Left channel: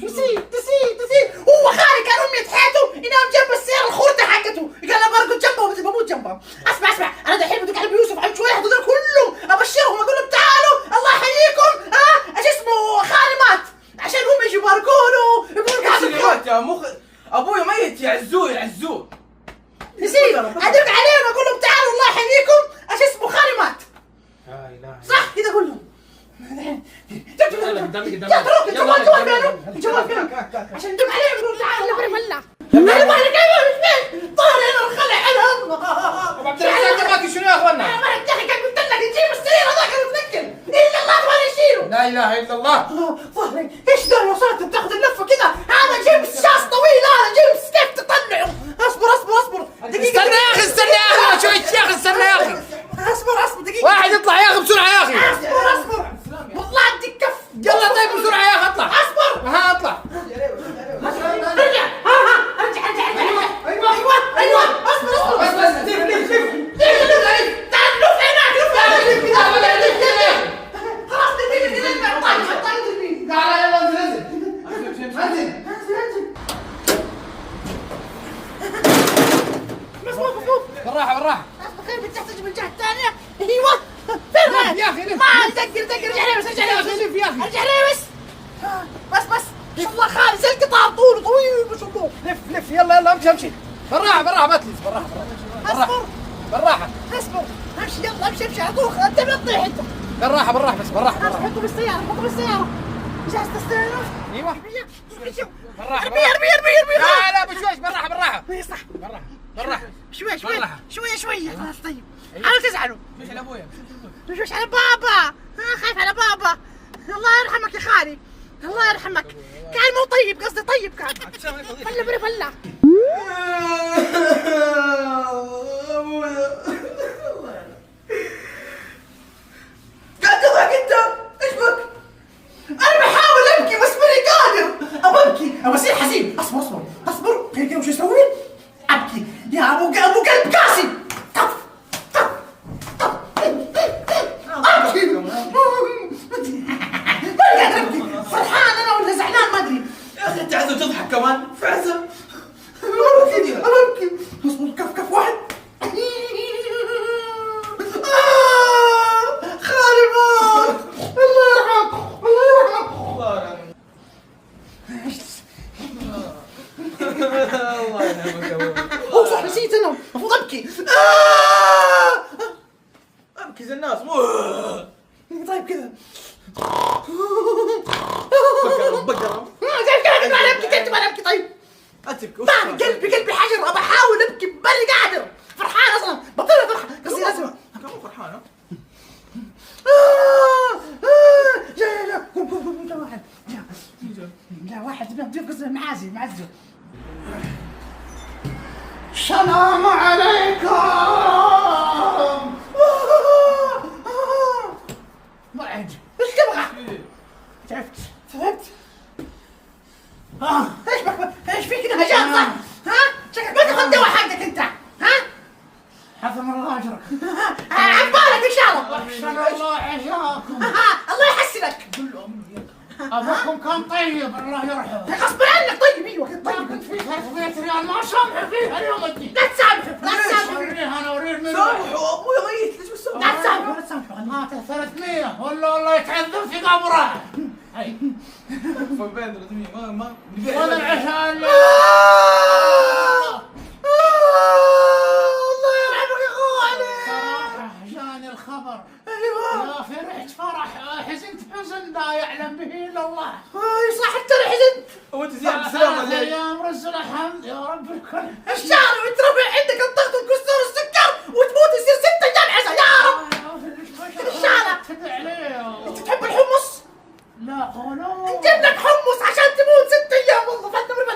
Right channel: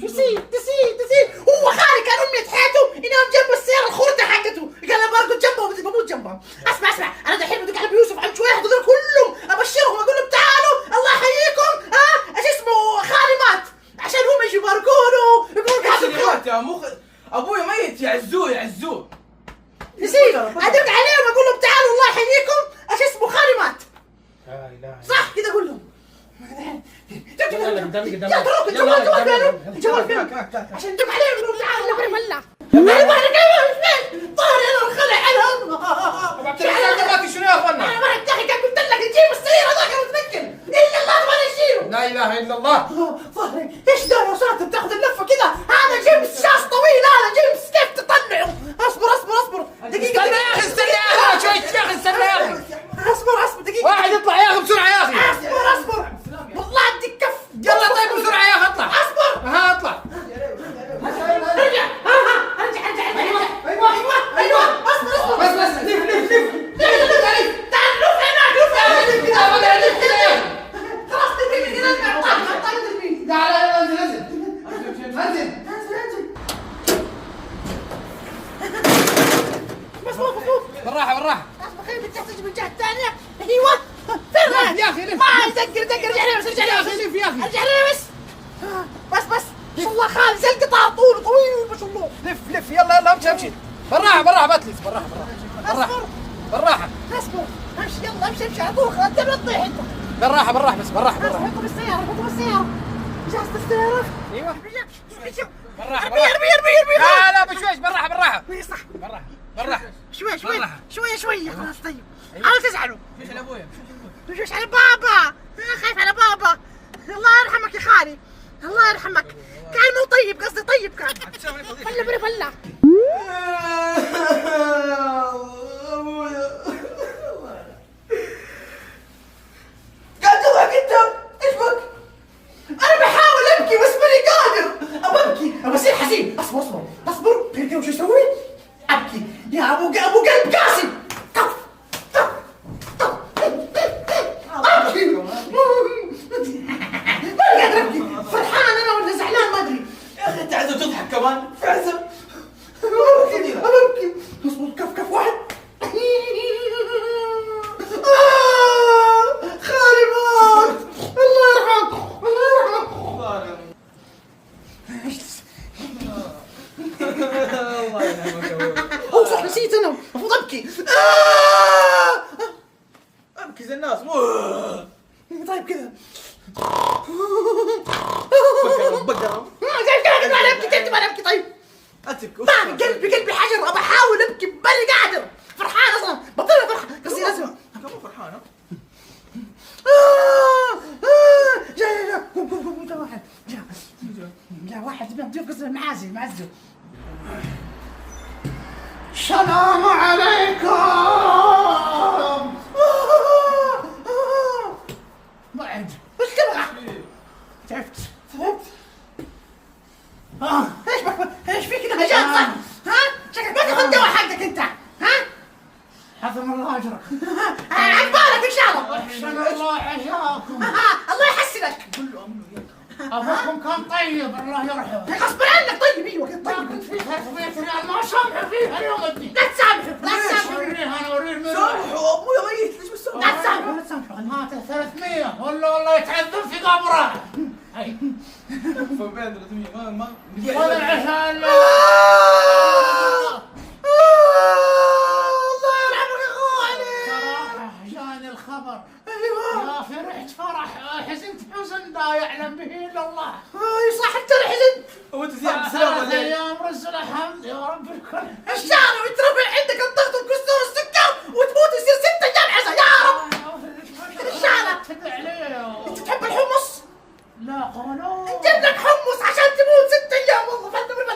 تسيب هو خالي كان امنية حياته ينام جنب السيارة الخردة حقته، قال ابغى ارقد جنبه بموت جنبه. اسمع انا دحين بدق على ابو يوسف عن شويه هذول كلهم ابشرهم اقول لهم تعالوا الله يحييكم ايش اسمه خالي مات عشان هم يجوا يباركونه ايش اللي مات يا ابوي ميت يعزوه نسيب ادق عليهم اقول لهم تعالوا الله يحييكم ايش اسمه خالي مات. لا اله صح كذا اقول لهم. عشان ندق عليهم نقول تعالوا فله ظهري انا الخلع عنهم. ابو عبد الرحمن جماعتي شنو يا اخوانا؟ انا ما اتضحك قلت لك يجيب السيارة هذاك المتنقل الا الله تبغى يشيله. لا اله الا الله. ظهري ايش ده يا ساتر بتاخذ اللفه كذا، هذا جيمس شاص طويل، هذا جيمس كيف تطلعه؟ اصبر دقيقه استنى يا اخي شوي يا اخي استنى يا اخي. اصبر دقيقه واحد يطلع يا اخي بسرعه يا اخي. اصبر والله اديك كف. يلا طيب بسرعه يا اخي اطلع. اصبر اطلع. ارجع ايوه اصبر بس تعال لف هناك خلاص تعال يلا انزل. مظبوط بالراحه. بخير بتحتاج من الجهه الثانيه. ايوه فين رايح يا اخي ما دقر ارجع لي بس بس ما شاء الله خالد زي القطار طويل ما شاء الله. لف يلا امشي بالراحه ما تلف بالراحه اصبر امشي يلا امشي على طول انت لا تطيح انت. بالراحه بس بالراحه. حطوا بالسياره جهزت السياره. ايوه بالراحه ارمي لا بشويش بالراحه. اي صح بالراحه شوي خلاص طيب. حاول تزعلوا. شوش على ابويا شوش على بابا. خايف على بابا. الله يرحمك يا خالي الله يرحمك. كان مو طيب قصدي طيب كان. فله قاعد تضحك انت ايش بك؟ انا بحاول ابكي بس ماني قادر. ابكي اصير حزين. اصبر كيف وش اسوي؟ ابكي يا ابو قلب قاسي. ابكي ماني قادر ابكي. فرحان انا ولا زعلان ما ادري. يا اخي انت عايز تضحك كمان فعزة. ابكي اصبر كف واحد. خالي مات الله يرحمه. الله يرحمك. هو صح نسيت انا المفروض ابكي. ابكي زي الناس طيب كذا بقرة انا ابكي طيب. قلبي حجر ابى احاول ابكي ماني قادر. فرحان اصلا بطيء فرحه قصدي لازم كم فرحانة. جاء واحد جاب قصدي معزه. السلام عليكم. ما عندي ايش تبغى؟ تعبت ايش فيك كذا هجان صح؟ شكلك ما تاخذ دواء حقك انت. حفظ الله اجرك. عقبالك ان شاء الله. احسن الله عشاكم. الله يحسنك. ابوكم كان طيب الله يرحمه. غصب عنك طيب. ايوه كنت ما طيب. كنت في 300 ريال ما سامحه فيها اليوم الدين. لا تسامحه انا اوريه من سامحوا ابويا ميت ليش بس لا تسامحه. مات 300 والله يتعذب في قبره. هاي فين 300 ما ولا العشاء الله يرحمك يا اخواني. صراحه جاني الخبر. ايوه يا فرحت فرح حزنت حزن لا يعلم به الا الله. صح انت حزنت. وانت زيادة سلام 3 الليل. ايام رز الحمد يا رب الكل. الشهر وانت